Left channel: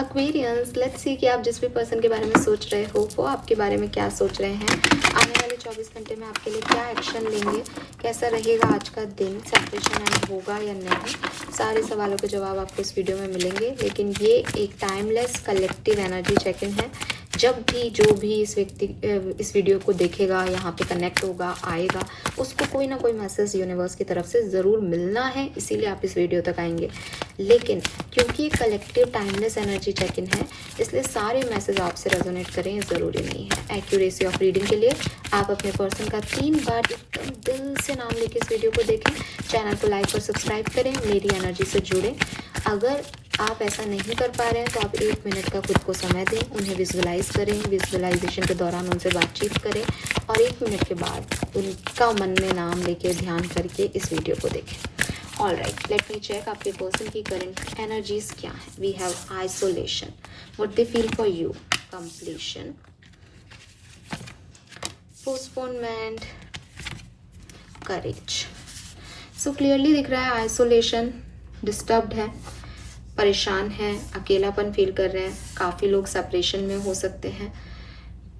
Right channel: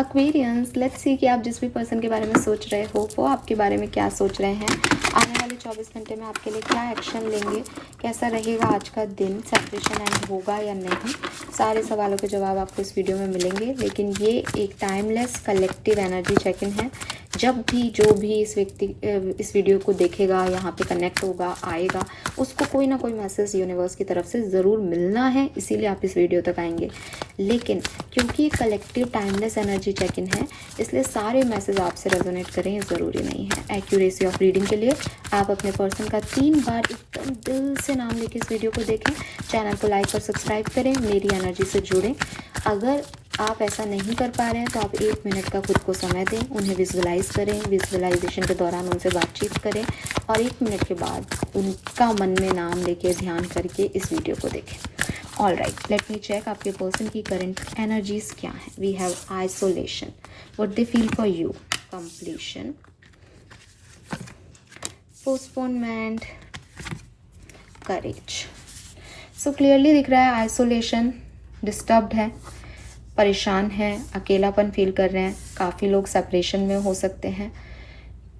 Aquarians, let's see कि आप जिस भी पर्सन के बारे में सोच रहे हो वो आपके बारे में क्या सोच रहे हैं। आने वाले 24 घंटे में आपके लिए क्या एक्शन लेंगे, कैसा रहेगा आज का दिन, सेपरेशन एंड होगा या नहीं, सारे सवालों के जवाब आपको इस वीडियो में मिलेंगे। लेकिन ये एक timeless collective energy check in है। जब भी जो भी इस वीडियो को देखेगा, यहाँ पे कनेक्ट होगा, आएगा, उसको कोई ना कोई मैसेज यूनिवर्स की तरफ से ज़रूर मिलना है, इसीलिए आप इस वीडियो तक आएंगे। लेकिन क्योंकि ये collective timeless energy check in है, इसलिए सारे मैसेज आपसे रेजोनेट करें ये ज़रूरी नहीं है। एक्यूरेसी ऑफ रीडिंग के लिए आप अपने पर्सन का 3 बार एकदम दिल से नाम लेके इस वीडियो को देखें। चैनल को लाइक और सब्सक्राइब करें, मेरी एनर्जी से जुड़ें। अगर आप ऐसा नहीं कर पा रहे हैं तो आप 1 मिनट का खुद को समय दें, उन्हें विजुअलाइज करें, विजुअलाइजेशन के दौरान उनसे बातचीत करें और 1 मिनट के बाद उनका मन में नाम लेके ध्यान करके इस वीडियो को देखें। All right, let me check आपके पर्सन की करंट एनर्जीज क्या है। We have isolation, what they feel for you, completion, postponement, courage. So clearly दिख रहा है आइसोलेशन, डिस्टर्ब्ड है, परेशान है, अकेलापन फील कर रहे हैं। काफ़ी लोग सेपरेशन में हो सकते हैं।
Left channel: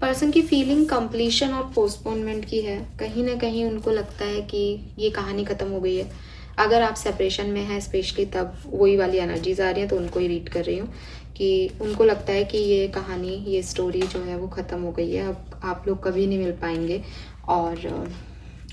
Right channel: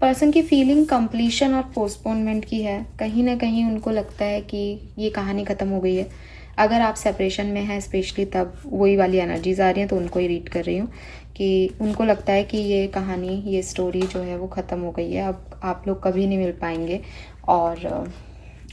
पर्सन की फीलिंग कंप्लीशन और पोस्टपोनमेंट की है। कहीं ना कहीं उनको लगता है कि ये कहानी ख़त्म हो गई है। अगर आप सेपरेशन में हैं स्पेशली, तब वही वाली एनर्जीज आ रही हैं, तो उनको ही रीड कर रही हूँ कि उनको लगता है कि ये कहानी, ये स्टोरी जो है वो ख़त्म हो गई है, अब आप लोग कभी नहीं मिल पाएंगे और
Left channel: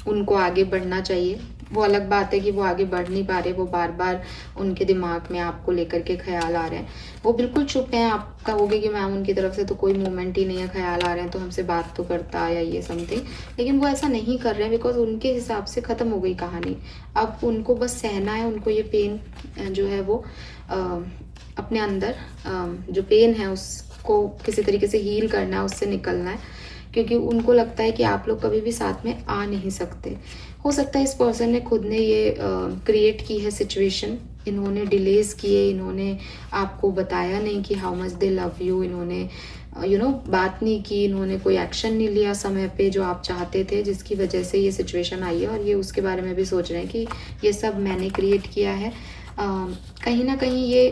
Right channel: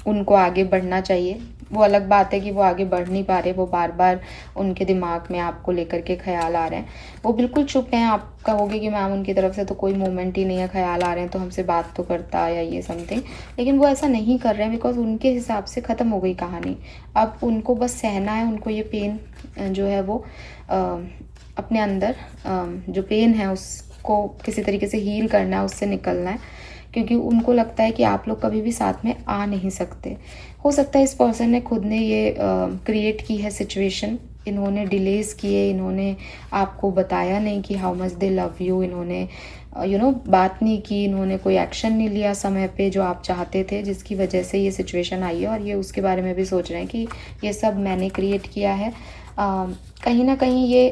उनको आगे बढ़ना चाहिए। वो अलग बात है कि वो आगे बढ़ नहीं पा रहे, वो बार बार उनके दिमाग में आपको लेकर के ख्याल आ रहे हैं। वो बिल्कुल चुप हैं। आप कहोगे कि मैम उनकी तरफ से तो कोई मूवमेंट ही नहीं है, ख्याल आ रहे हैं तो हमसे बात तो करता या ये समथिंग, लेकिन वो ऐसा नहीं कर रहे हैं बिकॉज उनके हिसाब से ख़त्म हो गई कहानी। अब उनको बस सहना है, उनको ये पेन जो है वो अपने अंदर जो पेन है उसको किसी तरीके से हील करना है, उससे निकलना है, क्योंकि उनको लगता है कि आप लोग कभी भी साथ में आ नहीं सकते। हो सकता है इस पर्सन ने खुद ने ये क्रिएट की है सिचुएशन, इन्होंने डिलेज किए, इन्होंने आपको बताया नहीं कि how much they love you, इन्होंने बात नहीं की, इन्होंने कोई एक्शन नहीं लिया समय पे जो आप चाहते थे, जिसकी वजह से ये सिचुएशन आई है। और ये उसके बारे में भी सोच रहे हैं कि ये सब मैंने क्रिएट किया है। कहीं ना कहीं ये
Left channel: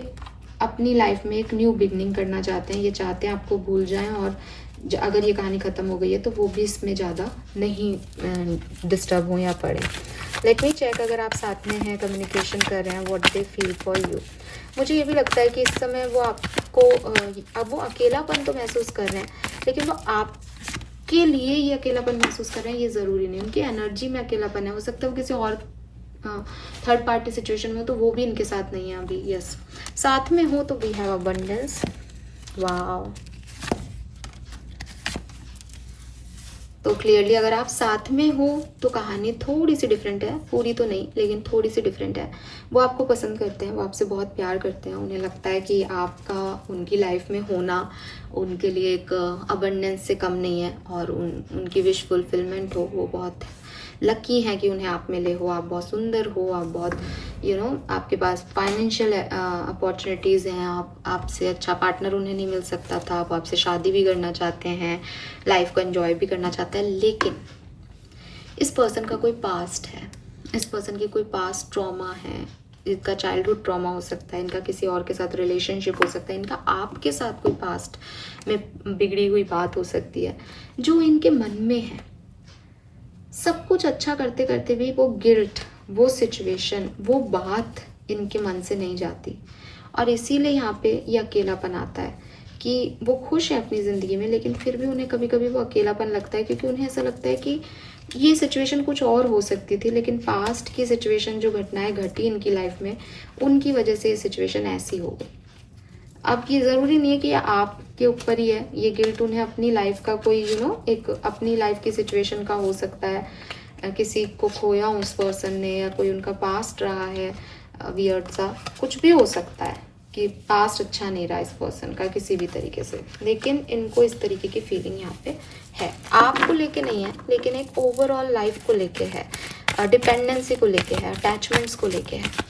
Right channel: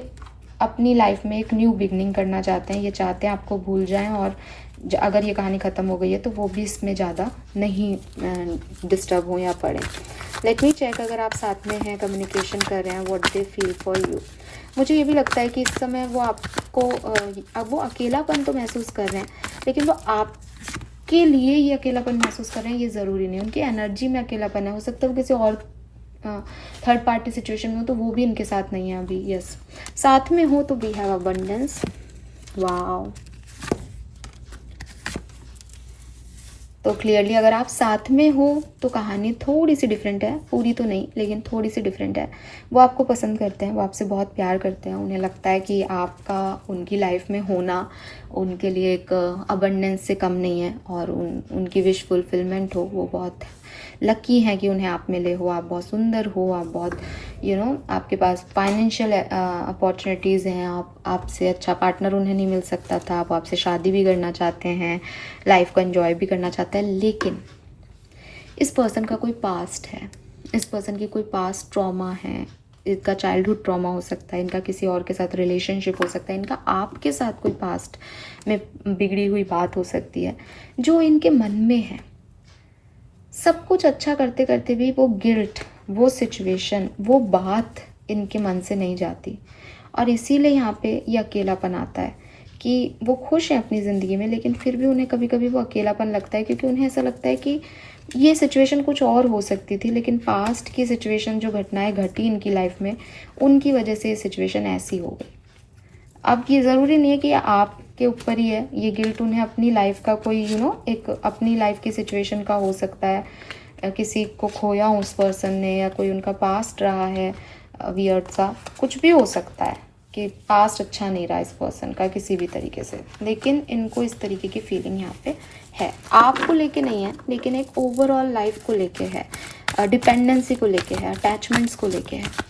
अपनी लाइफ में एक न्यू बिगनिंग करना चाहते हैं। ये चाहते हैं आपको भूल जाएं और अगर ये कहानी ख़त्म हो गई है तो वो भी इसमें ज़्यादा नहीं डिस्टर्ब हो या पड़े। लेट मी चेक, अगर आप साथ में हैं, कम्युनिकेशन कर रहे हैं, what they feel for you. मुझे ये भी लगता है कि इस समय वो आपको अब वो अकेलापन तो महसूस कर रहे हैं, लेकिन वो आपके लिए ये अकेलापन महसूस कर रहे हैं, ये ज़रूरी नहीं। उनकी एनर्जी में अकेलापन है। हो सकता है वो किसी और थर्ड पार्टी सिचुएशन में हो तो वो भी इनके साथ नहीं है अभी। यस, साथ में हो तो वी हैव अबंडेंस। वाओ, तो क्लियरली अगर आप साथ में हो तो कहानी थोड़ी सी डिफरेंट है, पूरी तो नहीं लेकिन थोड़ी सी डिफरेंट है। वो आपको पसंद करते हैं, वो आपसे बहुत प्यार करते हैं, उन्हें लगता है कि आपका उनकी लाइफ में होना उनके लिए एक अबंडेंस से कम नहीं है और उनकी विश फुलफिलमेंट हो। वो बहुत लकी हैं कि उन्हें आप मिले हो, आप बहुत सुंदर हो, आप बहुत आपके पास फाइनेंशियल अपॉर्चुनिटीज़ हैं, आपसे अच्छा पार्टनर उन्हें नहीं मिल सकता था, आप आपसे शादी भी करना चाहते हैं, लाइफ को एंजॉय भी करना चाहते हैं। लेकिन इस पर्सन का कोई पास्ट है, इस पर्सन की कोई पास्ट ट्रॉमा है। इनका चाइल्डहुड ट्रॉमा हो सकता है, इनका किसी और के साथ रिलेशनशिप हो सकता है, इनका आपके साथ कोई पास्ट में बिगड़ी हुई बात हो सकती है जो इनके मन में है। सब कुछ अच्छा करते करते भी वो गिल्ट, वो सिचुएशन, वो बात इनके मन से नहीं जाती और इसीलिए यहाँ पे ये अकेलापन आता है कि वो खुश हैं अपनी ज़िंदगी में, लेकिन फिर भी उन्हें कभी कभी वो अकेलापन लगता है, क्योंकि उन्हें ऐसा लगता है कि ये सिचुएशन कुछ और हो सकती थी, लेकिन पास्ट की सिचुएशन, जो घटनाएं घटी इनकी लाइफ में, उनकी वजह से ये सिचुएशन ऐसी हो गई। अब ये ज़रूरी नहीं है कि आपके ऊपर ही है ये गिल्ट, उन्हें अपनी लाइफ का कोई एक अपनी लाइफ की सिचुएशन का हो सकता है, किसी को खोया उस पर्सन ने, या कोई उनका पास्ट रहा है वियर्ड सा, कुछ भी हो सकता है कि पास्ट अच्छा नहीं रहा इस पर्सन का किसी भी तरीके से। लेकिन इनको इस तरीके की फीलिंग यहाँ पे है, आपको लेके नहीं है, लेकिन एक ओवरऑल लाइफ को लेके है, डिपेंडेंसी को लेके है, अटैचमेंट्स को लेके है।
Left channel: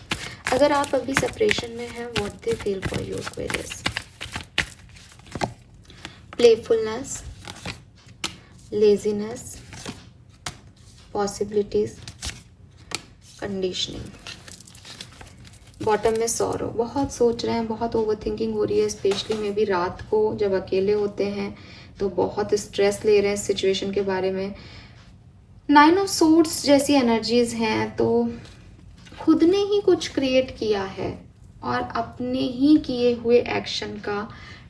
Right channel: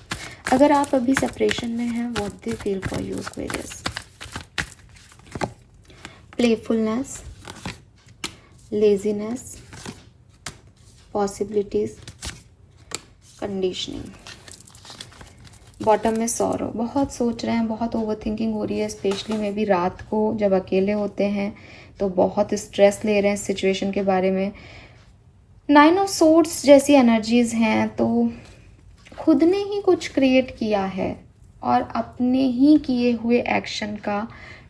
अगर आप अभी सेपरेशन में हैं, what they feel for you Aquarius. Playfulness, laziness, possibilities, conditioning. Bottom में सॉरो, बहुत सोच रहे हैं, बहुत ओवर थिंकिंग हो रही है, स्पेशली में भी रात को जब अकेले होते हैं तो बहुत स्ट्रेस ले रहे हैं इस सिचुएशन के बारे में। 9 ऑफ सोर्ड्स जैसी एनर्जीज हैं, तो खुद ने ही कुछ क्रिएट किया है और अपने ही किए हुए एक्शन का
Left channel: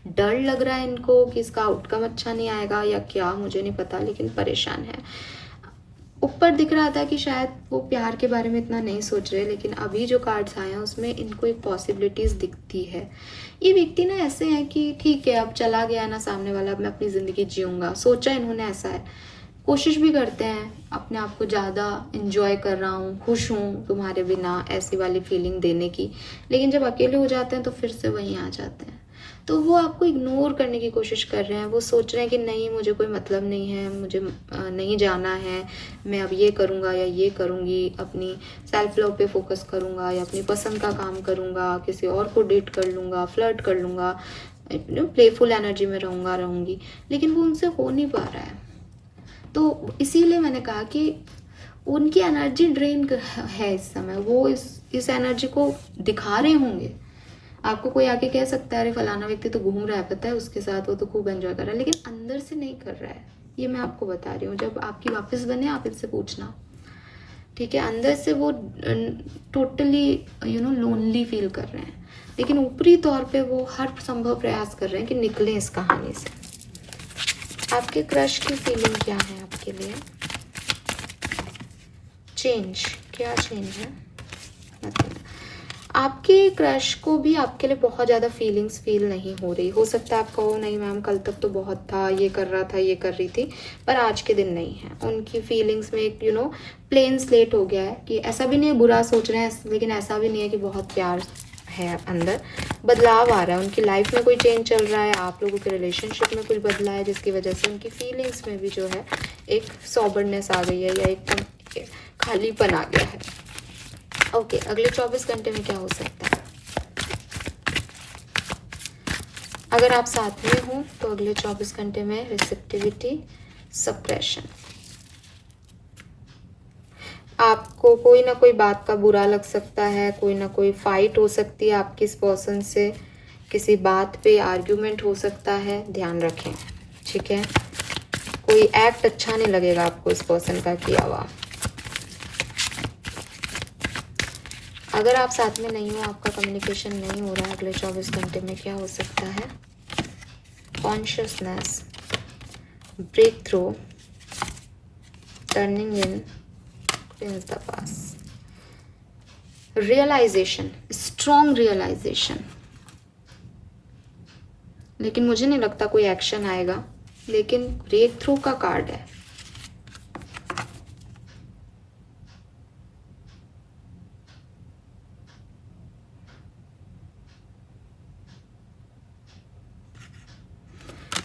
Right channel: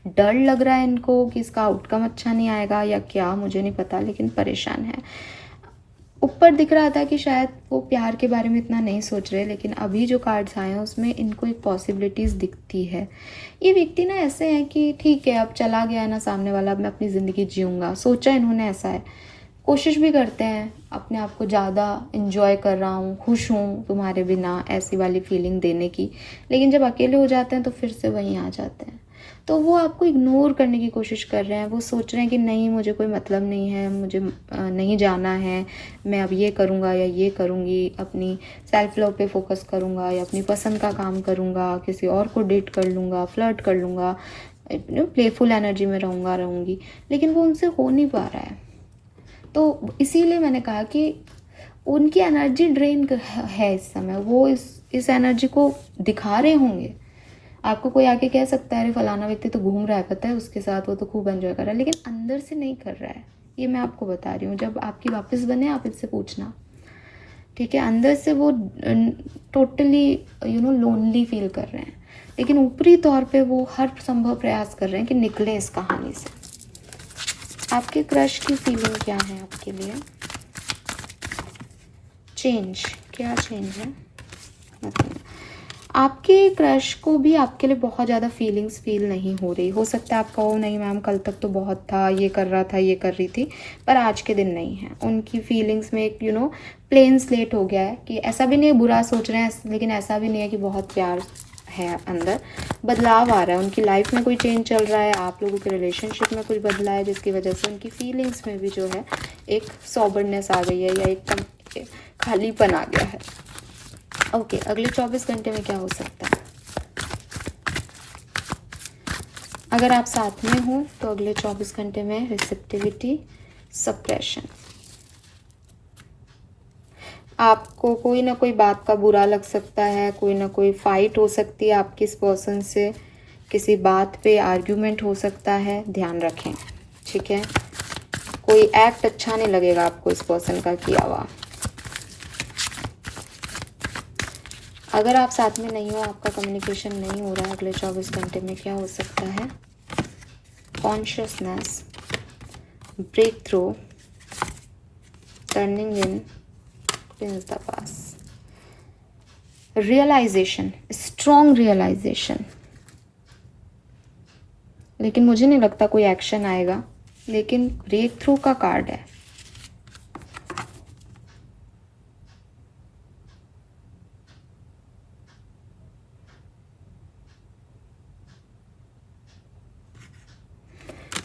डर लग रहा है इनको कि इसका आउटकम अच्छा नहीं आएगा या क्या, मुझे नहीं पता, लेकिन परेशान है। ऊपर दिख रहा था कि शायद वो प्यार के बारे में इतना नहीं सोच रहे, लेकिन अभी जो कार्ड्स आए हैं उसमें इनको एक पॉसिबिलिटीज़ दिखती है। ये व्यक्ति ना ऐसे हैं कि ठीक है, अब चला गया ना सामने वाला, अब मैं अपनी ज़िंदगी जीऊँगा, सोचा इन्होंने ऐसा है। कोशिश भी करते हैं अपने आप को ज़्यादा इन्जॉय कर रहा हूँ, खुश हूँ तुम्हारे बिना, ऐसी वाली फीलिंग देने की, लेकिन जब अकेले हो जाते हैं तो फिर से वहीं आ जाते हैं। तो वो आपको इग्नोर करने की कोशिश कर रहे हैं, वो सोच रहे हैं कि नहीं मुझे कोई मतलब नहीं है, मुझे नहीं जाना है, मैं अब ये करूँगा या ये करूँगी, अपनी सेल्फ लव पे फोकस करूँगा या अपनी पसंद का काम करूँगा, किसी और को डेट कर लूँगा, फ्लर्ट कर लूँगा, प्लेफुल एनर्जी में रहूँगी, लेकिन वो उनसे हो नहीं पा रहा है। तो इसीलिए मैंने कहा कि उनकी एनर्जी ड्रेन है इस समय, वो इस एनर्जी को दिखा रहे होंगे। आपको कोई आके कह सकता है अरे फलाना व्यक्ति तो घूम रहा है, पता है उसके साथ, वो तो खूब एंजॉय कर रहा है, लेकिन अंदर से नहीं कर रहा है। ये मैं आपको बता रही हूँ, जब आपकी वापस बने आप इससे पूछना, ठीक है। अंदर से वो टोटली लोनली फील कर रहे हैं, लेकिन ऊपरी तौर पे वो हर संभव प्रयास कर रहे हैं कि निकले इस कहानी से। आपके क्रश की फीलिंग क्या है आपके लिए? चेंज, क्या चेंज है? मतलब आपके क्रश को भी आपके लिए बहुत ज़्यादा फीलिंग्स फील नहीं हो रही। हो सकता है आप कहो नहीं मैम कल तक तो बहुत था, ये कर रहा था, ये कर रही थी, पर आज के दिन नहीं है। उनकी फीलिंग्स में एक प्लेन स्लेट हो गया है कि ऐसा भी नहीं है बुरा सोच रहे हैं, लेकिन ऐसा भी नहीं है कि बहुत प्यार है अंदर। बदलाव आ रहा है, उनकी लाइफ में कोई चेंज चल रहा है, आप लोगों के रिलेशनशिप में कुछ बदला है, जिसकी वजह से उनकी फीलिंग्स में भी जो है एक सॉबरनेस आ गई है या एकदम खालीपन आ गया है। ओके, अगले 24 घंटे में क्या हो सकता है? अगर आप साथ में हो तो अगले 24 घंटे में रिसेप्टिविटी, सप्रेशन। आपको कोई ना कोई बात का बुरा लग सकता है, कोई ना कोई फाइट हो सकती है आपकी इस पर्सन से, किसी बात पे आर्ग्यूमेंट हो सकता है, ध्यान रखें, ठीक है। कोई एक्ट अच्छा नहीं लगेगा आपको इस पर्सन का किया हुआ। अगर आप साथ में नहीं हो, आपका कम्युनिकेशन नहीं हो रहा है, अगले 24 घंटे में क्या हो सकता है? Consciousness, break through, turning in, prince the pass, realisation, strong realisation. लेकिन मुझे नहीं लगता कोई एक्शन आएगा, लेकिन ब्रेक थ्रू का कार्ड है।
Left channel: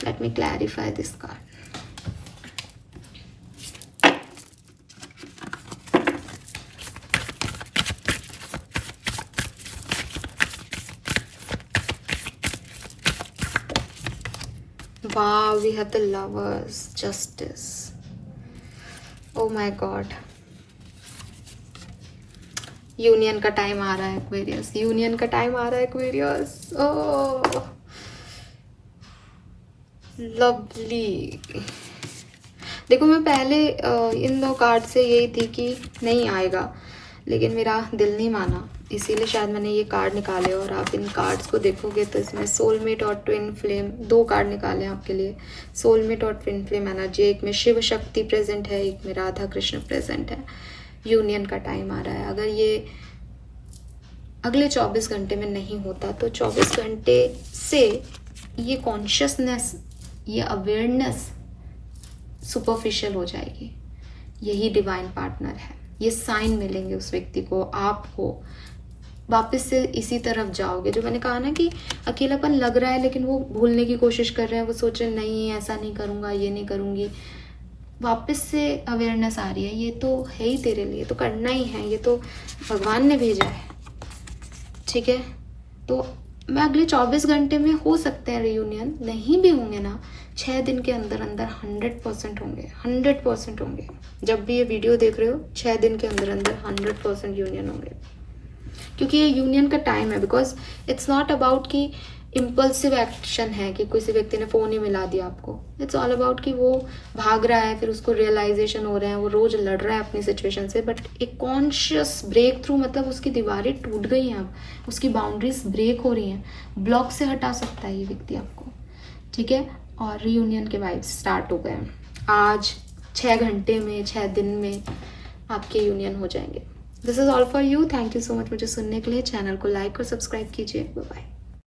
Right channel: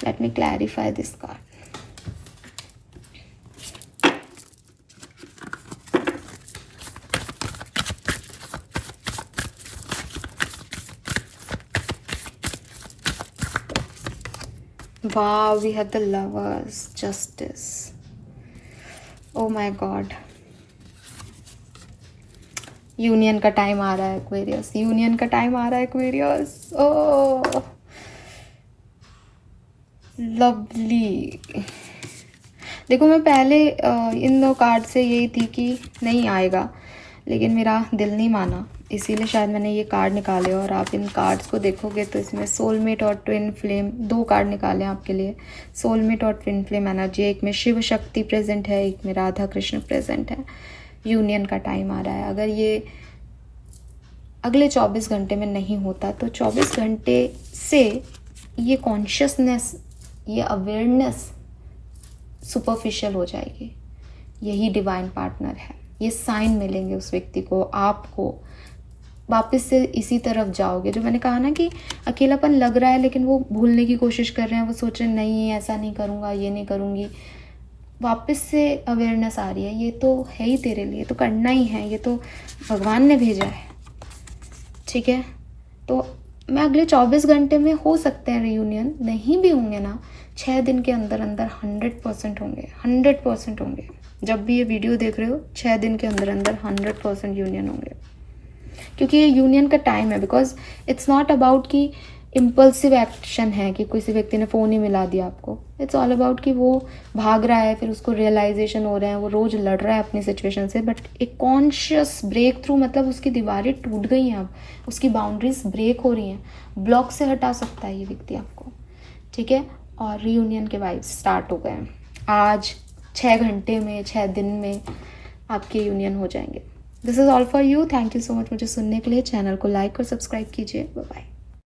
Let me clarify this card. Wow, we have the Lovers, Justice. Oh my God. Union का टाइम आ रहा है एक्वेरियस, यूनियन का टाइम आ रहा है एक्वेरियस। ओह लवली। देखो मैं पहले इन दो कार्ड से यही थी कि नहीं आएगा, लेकिन मेरा दिल नहीं माना, इसीलिए शायद मैंने ये कार्ड निकाले। और आप इन कार्ड्स को देखोगे तो इसमें सोलमेट और ट्विन फ्लेम, दो कार्ड निकाले आपके लिए, सोलमेट और ट्विन फ्लेम एनर्जी। एक में शिव शक्ति प्रेजेंट है, एक में राधा कृष्ण प्रेजेंट है। यूनियन का टाइम आ रहा है। अगर ये अगले 24 घंटे में नहीं होता तो 24 घंटे से ये कॉन्शियसनेस, ये अवेयरनेस सुपरफिशियल हो जाएगी। यही डिवाइन पार्टनर है, ये साइन मिलेंगे उस व्यक्ति को, आपको वापस से इसी तरफ जाओगे। जो मैंने कहा ना कि अकेलापन लग रहा है लेकिन वो भूलने की कोशिश कर रहे हैं, वो सोच रहे हैं नहीं ऐसा नहीं करूँगा, ये नहीं करूँगी, वापस से अवेयरनेस आ रही है। ये तो है ही तेरे लिए, तो करना ही है, ये तो भगवान ने भेजा है, ठीक है। तो मैं अगले 24 घंटे में हो सकते हैं रियूनियन, नहीं भी होंगे ना 6 दिन के अंदर अंदर 100% होंगे, 100% होंगे। जब भी ये वीडियो देख रहे हो 6 दिन के अंदर अंदर 100% यूनियन होंगे। क्योंकि ये यूनियन का टाइम है। बिकॉज इट्स नॉट अबाउट कि इम्पल्सिव एक्शन है कि किसी व्यक्ति ने फ़ोन ही मिला दिया आपको। इट्स ऑल अबाउट कि वो भाग रहा है, फिर उसको रियलाइजेशन हो रहा है, वो रोज़ लड़ रहा है अपनी सिचुएशन से, बट एक कॉन्शियस ब्रेक थ्रू, मतलब उसकी दीवारें टूट गई हैं, अब उसकी बाउंड्रीज ब्रेक हो रही हैं, ब्लॉक से हटा सकता है ये व्यक्ति आपको, ठीक है। और रीयूनियन के वाइब्स स्टार्ट हो गए हैं। आज 6 घंटे में, 6 दिन में आपके यूनियन हो जाएंगे। This is all for you. Thank you so much मुझे सुनने के लिए। चैनल को लाइक और सब्सक्राइब कीजिए। Bye bye.